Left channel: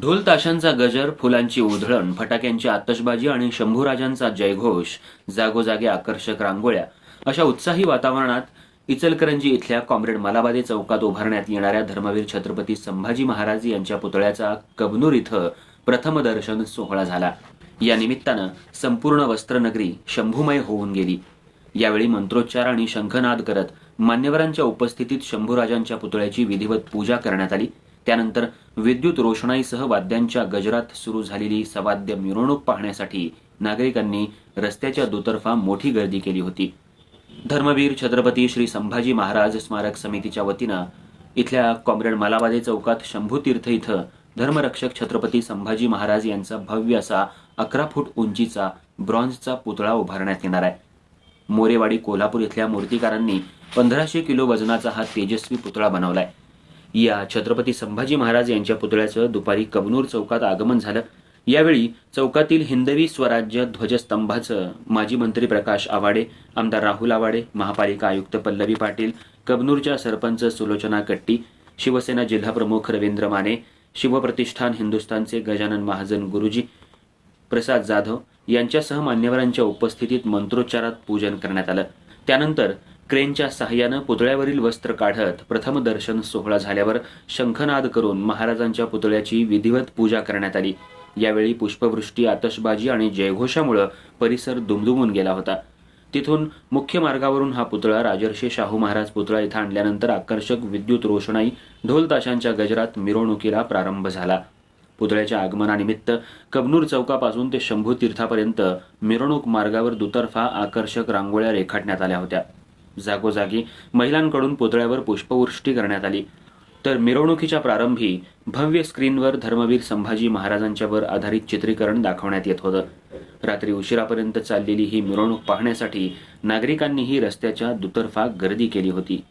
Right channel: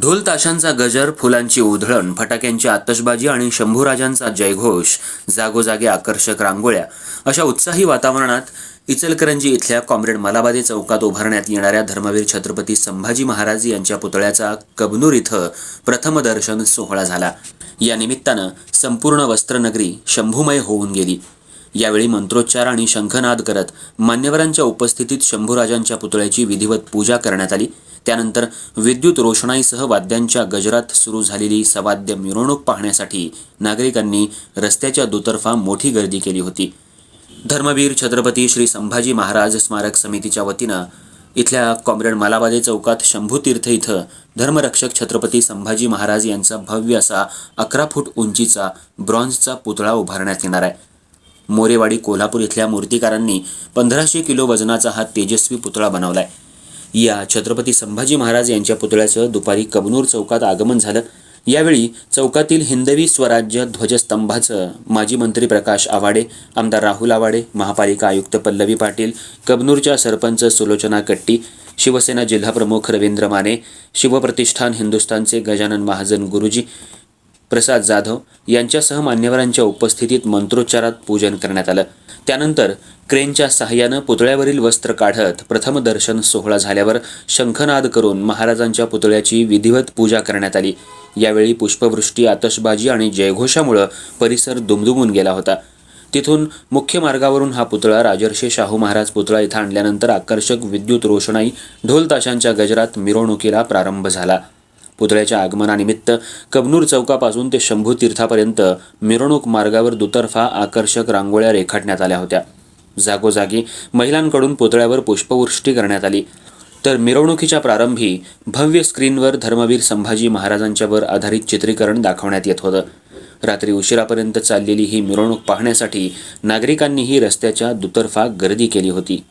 ढोल ताशांचा गजर फुलांची उधळण फटाक्यांची आतषबाजी आणि शंभूराजांचा जयघोष जागोजागी आकर्षक रांगोळ्या. अशा उत्साही वातावरणात इचलकरंजी इथल्या कॉम्रेड मलाबादे चौकात उभारण्यात येणाऱ्या धर्मवीर छत्रपती संभाजी महाराज यांच्या पुतळ्याचा कबनूर इथं प्रथम दर्शन सोहळा झाला. या निमित्तानं संपूर्ण वस्त्रनगरी शंभूमय होऊन गेली. यावेळी मंत्रोच्चार आणि शंखनाद करत मान्यवरांच्या उपस्थितीत शंभूराजांच्या पुतळ्याची विधिवत पूजा करण्यात आली. त्यानंतर विद्युत रोषणाईसह वाद्यांच्या गजरात सुरू झालेली सवाद्य मिरवणूक पाहण्यासाठी नागरिकांनी रस्त्याच्या दुतर्फा मोठी गर्दी केली होती. धर्मवीर छत्रपती श्री संभाजी महाराज स्मारक समितीच्या वतीनं इथल्या कॉम्रेड मालाबादे चौकात शंभूतीर्थ इथं धर्मरक्षक छत्रपती संभाजी महाराज यांचा भव्य असा अकरा फूट उंचीचा ब्रॉन्झचा पुतळा उभारण्यात येणार आहे. मोरेवाडी कोल्हापूर इथल्या मूर्तिकारांनी पंधराशे किलो वजनाचा हा तेजस्वी पुतळा बनवला आहे या छत्रपती संभाजी महाराज यांच्या पुतळ्याचं दुपारी कबनूर चौकात आगमन झालं. यावेळी चौकातील हिंदवी स्वराज्य ध्वजस्तंभाचं माजी मंत्री प्रकाश आवाडे आमदार राहुल आवाडे महापालिका आयुक्त पल्लवी पाटील कबनूरच्या सरपंच सुलोचना कट्टी शिवसेना जिल्हाप्रमुख रवींद्र माने शिवप्रतिष्ठान हिंदुस्थानचे गजानन महाजन गुरुजी प्रसाद जाधव यांच्यासह मान्यवरांच्या उपस्थितीत मंत्रोच्चारात पूजन करण्यात आलं. त्यानंतर क्रेनच्या सहाय्यानं पुतळ्यावरील वस्त्र काढत प्रथम दर्शन सोहळा झाल्यावर शंखनाद करून महाराजांच्या पुतळ्याची विधिवत पूजा करण्यात आली. यावेळी पुष्पवृष्टी आतषबाजी आणि जयघोषामुळं परिसर दुमदुमून गेला होता. तिथून मुख्य मार्गावरून हा पुतळा राजर्षी शाहू महाराज पुतळा इथं आणल्यानंतर आकर्षक विद्युत रोषणाई ढोलताशांच्या गजरात मिरवणुकीला प्रारंभ झाला. पुतळ्याच्या आगमनानिमित्त कबनूर चौकापासून ते शंभू तीर्थापर्यंत मिरवणूक मार्गावर दुतर्फा आकर्षक रांगोळ्या रेखाटण्यात आल्या होत्या. जागोजागी महिलांकडून पुतळ्यावर पुष्पवृष्टी करण्यात आली. तर मिरवणुकीच्या प्रारंभी भव्य स्क्रीनवर धर्मवीर संभाजी महाराजांच्यावर आधारित चित्रीकरण दाखवण्यात येत होतं. रात्री उशिरापर्यंत चाललेली ही मिरवणूक पाहण्यासाठी नागरिकांनीही रस्त्याच्या दुतर्फा गर्दी केली होती.